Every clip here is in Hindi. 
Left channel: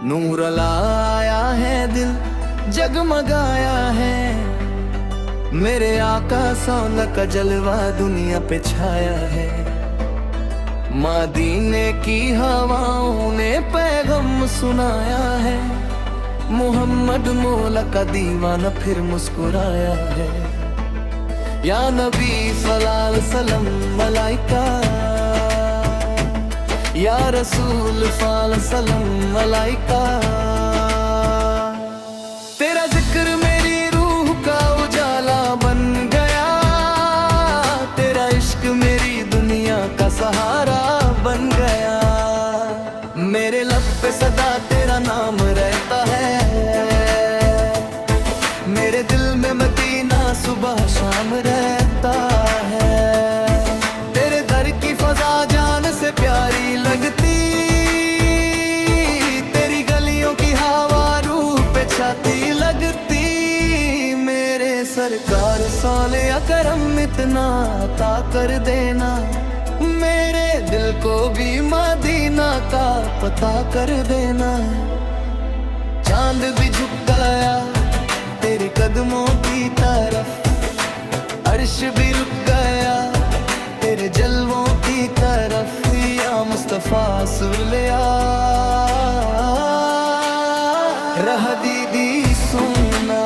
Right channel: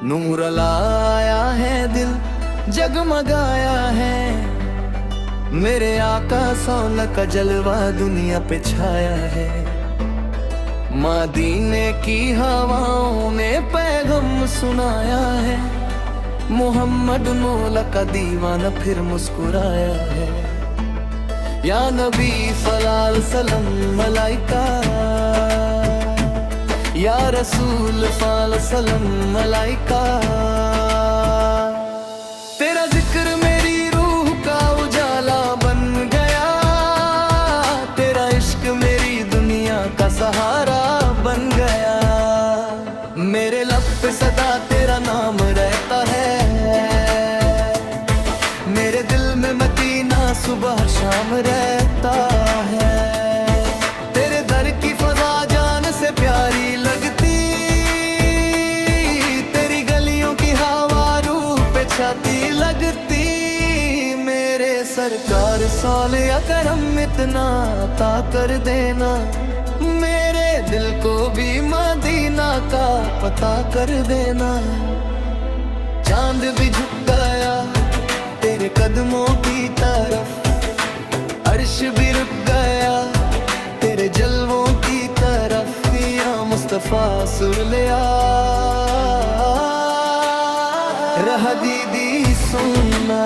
नूर लाया है दिल जगमगाया है, मेरे आका सौला का जलवा दुनिया पे छाया है। मदीने की हवाओं ने पैगम सुनाया है, मोहम्मद मौला का दीवाना फिर मुस्कुराया है। या नबी सल्लल्लाहु सलाम मलाइका, या रसूल सलाम मलाइका। तेरा जिक्र मेरी रूह का उजाला बन गया, तेरा इश्क मेरी दुनिया का सहारा बन गया। मेरे लब पे सदा तेरा नाम रहता है, मेरे दिल में मदीना सुबह शाम रहता है। तेरे दर की फजा जान से प्यारी लगती, तेरी गलियों की हवा रूह पे छाती लगती। मेरे सरकार सौले करम इतना अता कर देना, मेरे दिल को भी मदीना का पता कर देना। चांद भी झुक गया तेरे कदमों की तरफ, अर्श भी रुक गया तेरे जलवों की तरफ। या मुस्तफा सुलिया रह दीदी सुनना,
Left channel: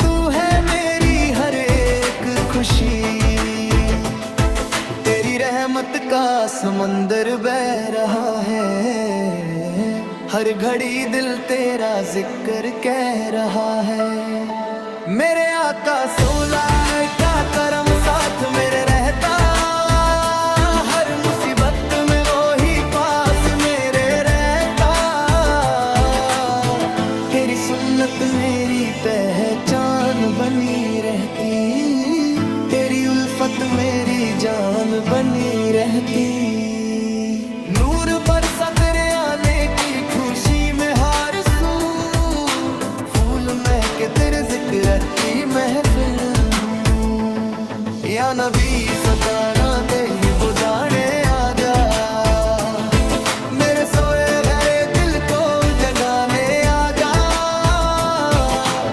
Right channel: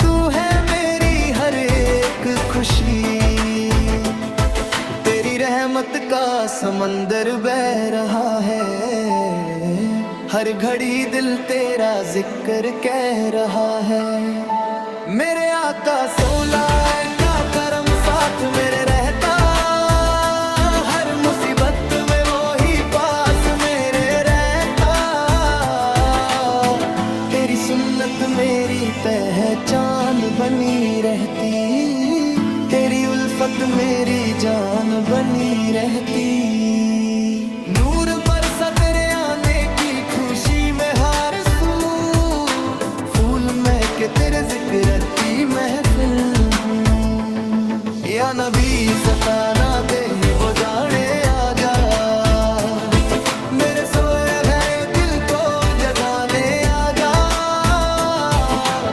तू है मेरी हर एक खुशी। तेरी रहमत का समंदर बह रहा है, हर घड़ी दिल तेरा जिक्र कह रहा है। मेरे आका सौला का करम साथ मेरे रहता, हर मुसीबत में वो ही पास मेरे रहता। तेरी सुन्नत मेरी पहचान बनी रहती, तेरी उल्फत मेरी जान बनी रहती। नूर बरसा तेरे आने की खुशी में हार सू, फूल महके तेरे जिक्र की महफिल हूँ। या नबी सताना तेरी वो जाने आ जा, मेरे सोए गए दिल को जगाने आ जा।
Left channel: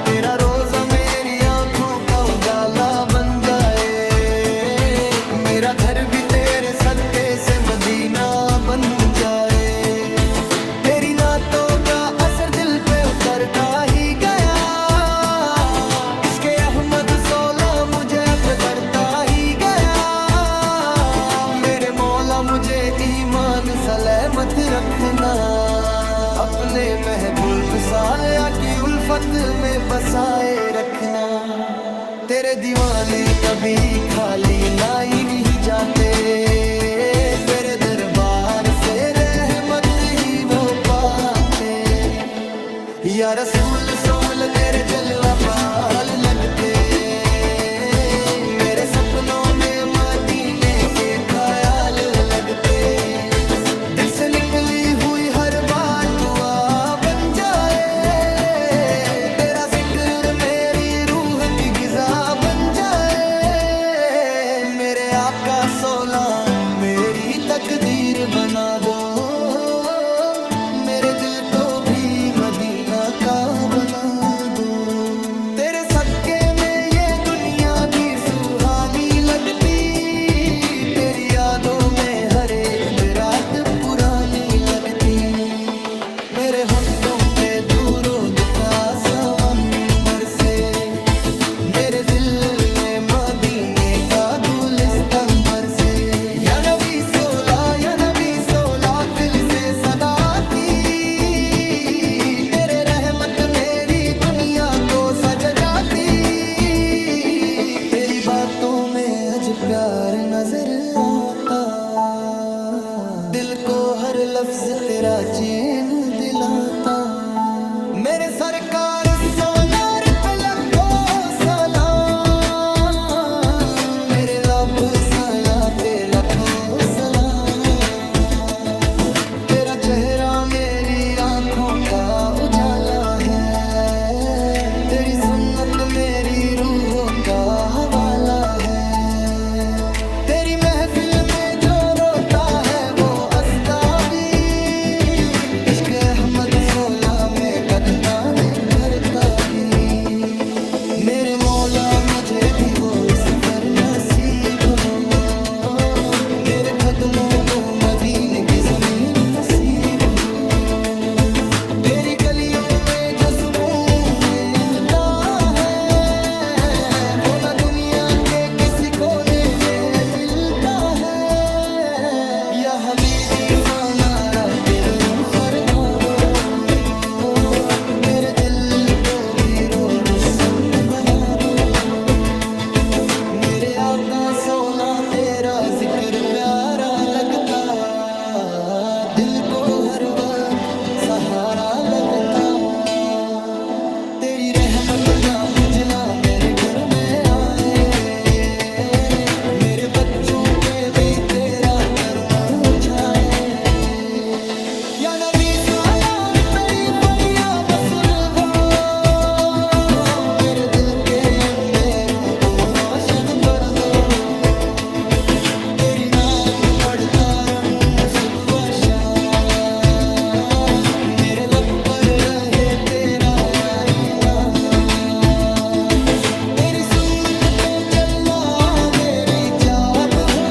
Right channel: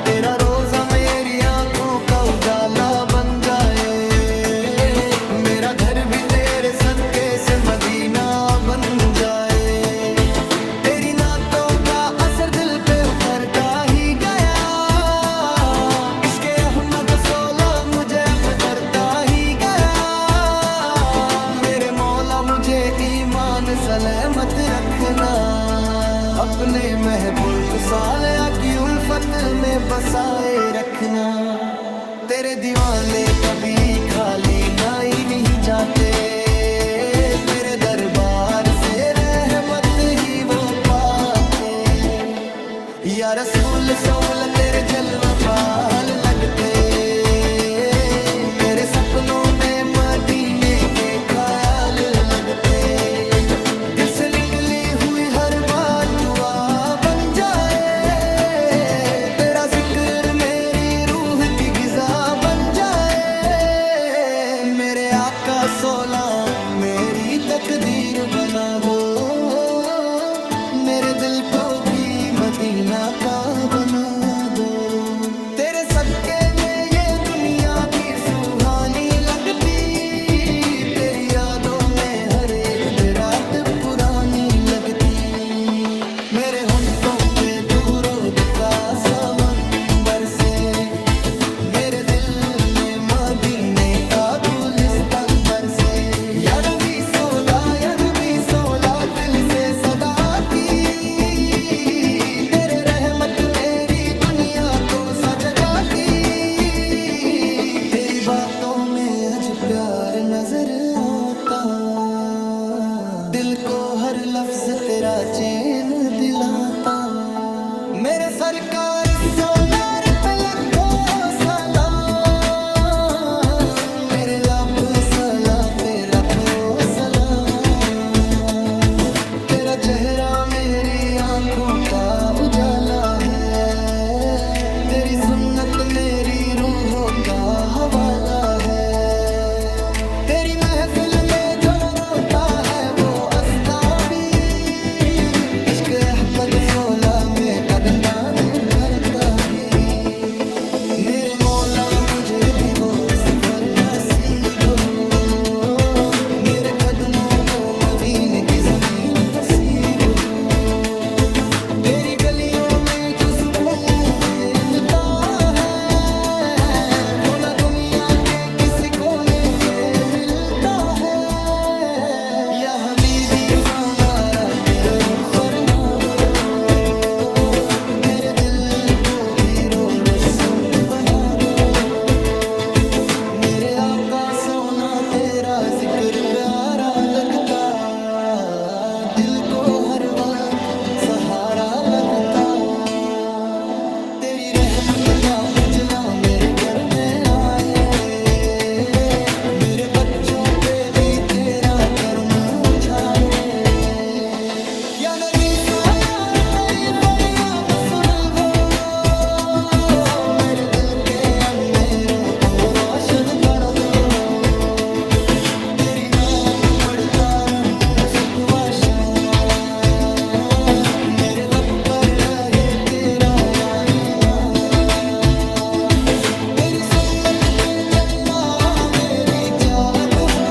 तेरा रोजा मेरी आंखों का उजाला बन जाए, मेरा घर भी तेरे सदके से मदीना बन जाए। तेरी नातों का असर दिल पे उतरता ही गया, इसके अहमद सौला मुझे अब करता ही गया। मेरे मौला मुझे ईमान सलामत रखना, अपने महबूब सालिया की उल्फत में बसाए रखना। तेरे दीवाने कभी खाली ना ही नहीं जाते, तेरे दरबार से रहमत ही वो पाते। या रसूल सौल तेरे जलवा पाल लगते, मेरे सपनों में मदीने के ख्याल लगते। दिल से निकली हुई हर बात दुआ बन जाए, तेरा जिक्र मेरी रूह की गिज़ा बन जाए। मेरे आका सौला मेरी तकदीर बना दो, मेरे दिल को भी मदीना का बना दो। तेरे सदके में ये दुनिया भी सुहानी लगती, तेरी यादों में हर एक रात पुरानी लगती। मेरे होंठों पे दूरों का समंदर से, मेरे दिल में मदीने का गुलिस्तान बरसे। या नबी सोला दिल से सदाती, तेरे रहमत मेरी दुनिया को सज जाती। तेरी बातों में अज प्यार नजर आता, दिल को हर लफ्ज तेरा चैन दिलाता। मेरे सरकार सोनार पे लखों सलाम, मेरे लब सला पे लखों सलाम। तेरा चेहरा मेरी आंखों का उजाला है, तेरी सुन्नत मेरी रूहों का हवाला है। तेरी महफिल में जो रोता है वो अस्ता भी, इश्क रहमत 16 में कदमदाने करता भी। मेरे मौला मुझे भी वो सफर नसीब हो, मेरे कदमों को मदीने की जमीन नसीब हो। तेरी गलियों में जो सुकून मिलता है वो ना दुनिया के किसी कोने में मिलता है। या हबीबी फनारा तेरे रूह फरमा दो, मेरे दिल को भी रो रोशन बना दो। मेरे आका सोना तेरा जिक्र प्यारा लगता, दिल को हर वक्त सहारा लगता। तेरी रहमत का उजला मेरे घर में आए, मेरे बच्चों पे भी तेरा करम उछाए। या नबी सालार तेरी परिया मसुर हो, मेरे दिल के अंधेरों को रोशन बन दो। तेरी नात पढ़ता रहूं सुबह शाम, मेरे लब पर रहे तेरा याही नाम। तेरी सुन्नत पे चलना मेरी चाहत हो,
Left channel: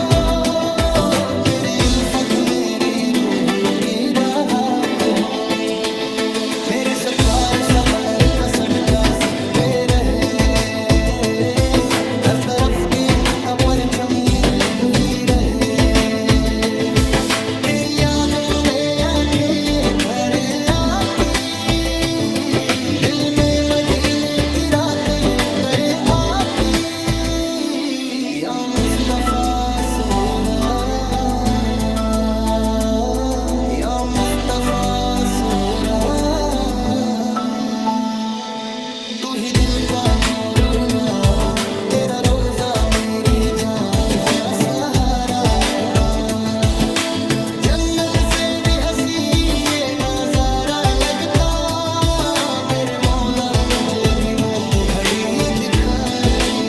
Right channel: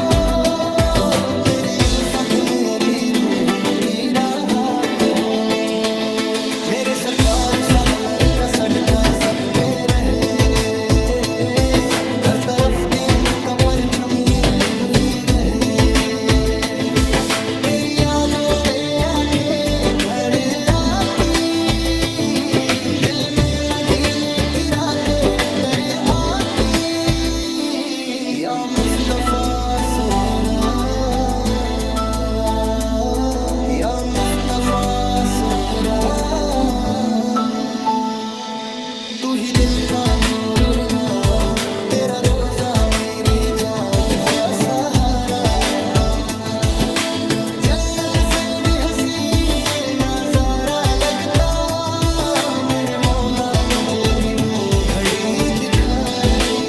तेरी उल्फत मेरी रूह की राहत हो। मेरे सरकार सबलर का सदका सब पे रहे, हर तरफ दीन का परचम यूं ही रहे। तेरी यादों में आंखें भर आती, दिल में मदीने की रातें उतर आती। या मुस्तफा सोरा, या मुस्तफा सोरा, तू ही दिल का नूर ना, तेरा रोजा मेरी जात का सहारा लगता। जन्नत से भी हंसी ये नजारा लगता, मेरे मौला मुझे भी वो घड़ी दिखा दे।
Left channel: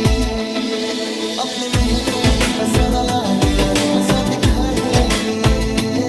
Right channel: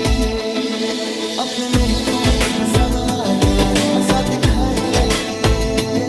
अपने मेहतों की बसा गला प्यारी मसा दिखा दे।